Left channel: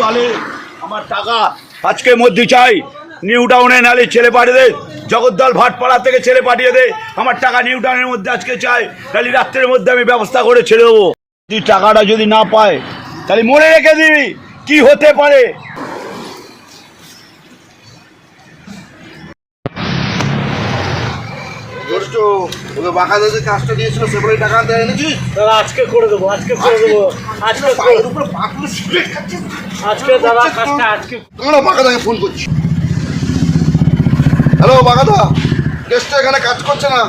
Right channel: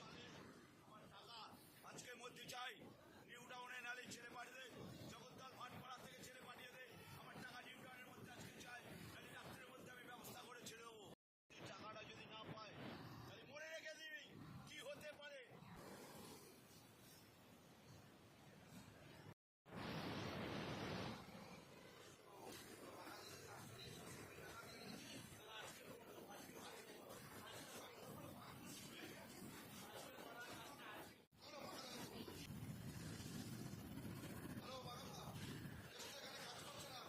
তাহলে আমার টাকা আজকে মধ্যে চাই। নিউ টাউনে নালে ছেলে পাঠিয়ে দে। জগদ্দল ভাটপাড়া থেকে ছেলে পাঠিয়ে দে। আমার টাকা নিউ টাউনের মধ্যে আজকে চাই। তাহলে রাত্রের মধ্যে আমি ব্যবস্থা করে ছেড়ে দেবো। তুই টাকাটা যদি না পায়, তাহলে মনে রেখে দিবি। কি হতে পারে? দোস্ত ওকে বাঁকা যে কাজটা দিয়েছিল সেগুলোই টাকা আনতে এনেছিস দাদা আজকে করে দেবো আজকে করে দেবো আজকে পায়ের উপরে পাগুলো সিগারেট খাচ্ছিস আজকে দাদা কাজটা আজকে দাঁড়া বাঁকাদাকে ফোন করছি হ্যালো বাঁকাদা কেসটা এখানে কাজ করছে না।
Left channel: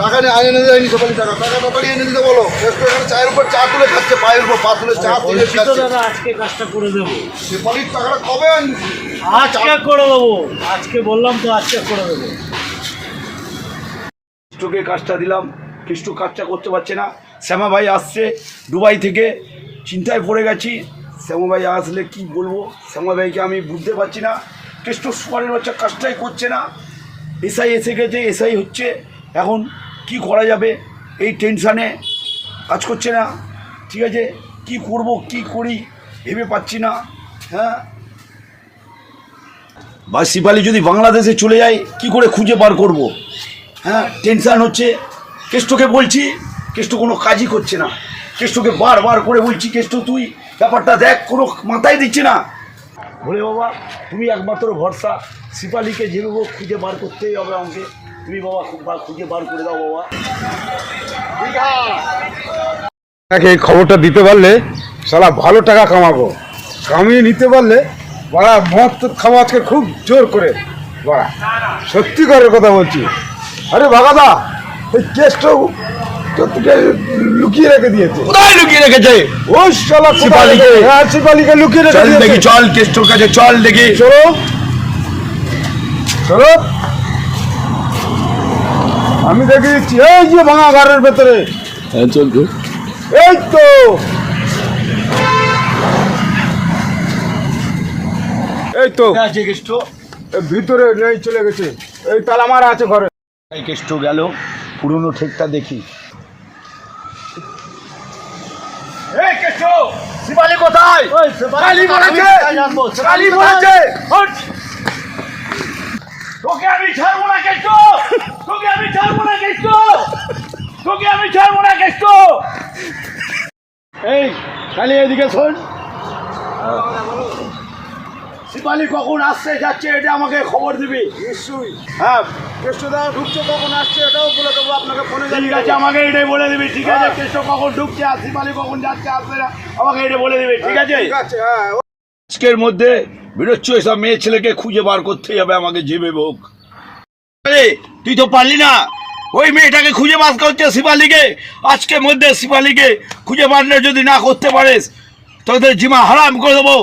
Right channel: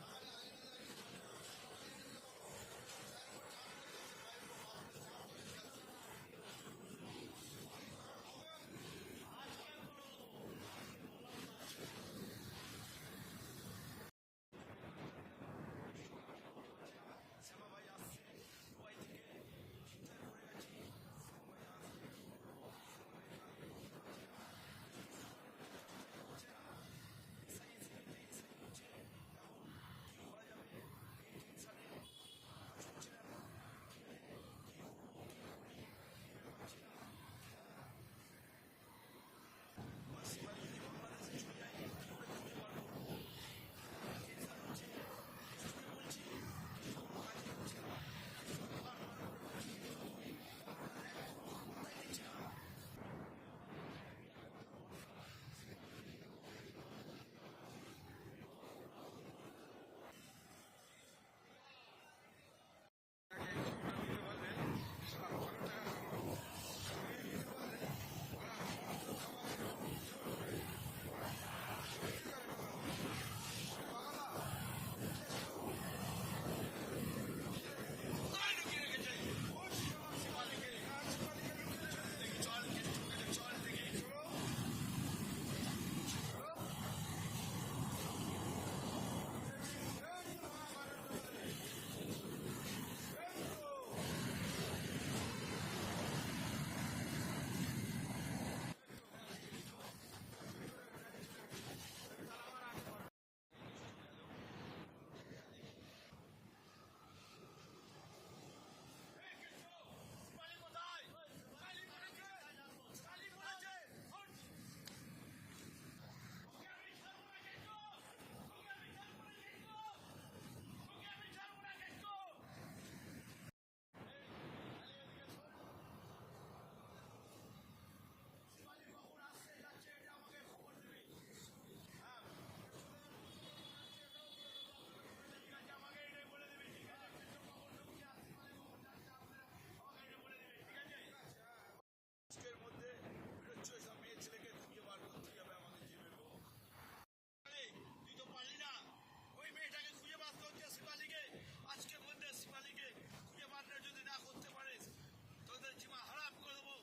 টাকা নিয়ে আইনে এনে যায়নি সকালে টাকা টাকা তাড়াতাড়ি এনে দিতে বলো। কেসটা এখানে চায়ের উপর চা তুলে খাচ্ছে পায়ের উপর পা তুলে চা তুলে খাচ্ছে। দাদা আজকে কাজটা করে দেবো। সেপালির টাকাটা কবে আনবি? আজকে করে দেবো। আজকে বললাম তো আজকে করে দেবো। কৃষ্টকে কাজটা দিলাম কৃষ্ট কাজটা করতে পারছে না। শ্যামা ভাই আসছে দুবাই থেকে, চিন্তায় পড়ে গেছি। শ্যামা ভাই আসলে কি বলব? শ্যামা ভাইকে আমি বুঝতে পারছি না। কৃষ্ট সুপারের বাচ্চা কাজটাই করছে না। এসআই এসে গেছে, এসআই হচ্ছে। এখন কি করা যাবে? এই টেনশানে কাজ করছে না। ঠিক আছে, কি করব, কি করি ভেবে পাচ্ছি না। হ্যাঁ? বা শিপালি যদি বাংলাদেশে চলে যায়, কি করে খুঁজে বার করব? হ্যাঁ টেনশান হচ্ছে। কেষ্টকে বলছি, কেষ্ট কোনো কাজই করছে না। কেষ্টকে বারবার করে বলছি, কেষ্ট তুই ব্যাপারটা দেখ, কোনো মাথায় দিচ্ছে না। বলে বাবা, তুমি একমাত্র ভরসা, শিপালিকে যেভাবে খুঁজে বার করতেই হবে আমাকে। তুমি বাবা খুঁজে বার করে দাও বাবা। তাকে এই খবরটা দিতে পারলে সালা ভালো টাকা কামাবো। কামিয়ে নিতে পারলে বড়া মদ তো খাব আজকে খুব জোর করে। বড়া, সত্যি করে কথা বলছি। আরে বাগাদা এই কেসটা তোকে লুকিয়ে রেখে দিয়েছে। কোথায় লুকিয়ে রেখেছে? ওই শালা? রেখে- হ্যাঁ শিপালিকে লুকিয়ে রেখে চল দেখি চল কেষ্টর কাছে চল দেখি। চলো। চলো। আমি দেখে দিচ্ছি এই যে ভাঙা ঘরের ভেতরে। এই তো। এই তো। এই ভিতরে নেই চলে গেছে। এই তালা মারা আছে ঘরে। কেষ্ট গেল পুরনো ঠেকটা দেখি। কোথায়! তোকে আমি ছাড়বো না কেষ্ট। তোকে আমি ছাড়বো না কেষ্ট। তোকে আমি ছাড়বো না কেষ্ট। এই কালী এদিকে শোন। শিপালি কখন আসছে যাচ্ছে এটা আমাকে খবর দিবি। নিশ্চয়ই। হ্যাঁ। কেষ্টদা ঢুকছে কখন আসছে এটাও বলে দেবো আপনাকে ফোনে ঠিক আছে আমাকে এটাই বলে দিবি ঠিক আছে কৃষ্ণ কখন ঢুকছে আর শিপালি কখন যাচ্ছে আসবে না আমাকে এটা বলে দিবি ঠিক আছে? ঠিক আছে হ্যাঁ আজকের মধ্যে বেরোচ্ছ এসব মেয়ে ছেলেকে খুঁজে বার করতেই হবে আমাকে যেবে হোক আরে, তুই তো পারলি না। ওই মেয়েটাকে খুঁজে বার করছে শিপালিকে। আজকের মধ্যে শিপালিকে খুঁজে বারলে যদি না করতে পারিস তোদের জিমা হারাম করে দেবো।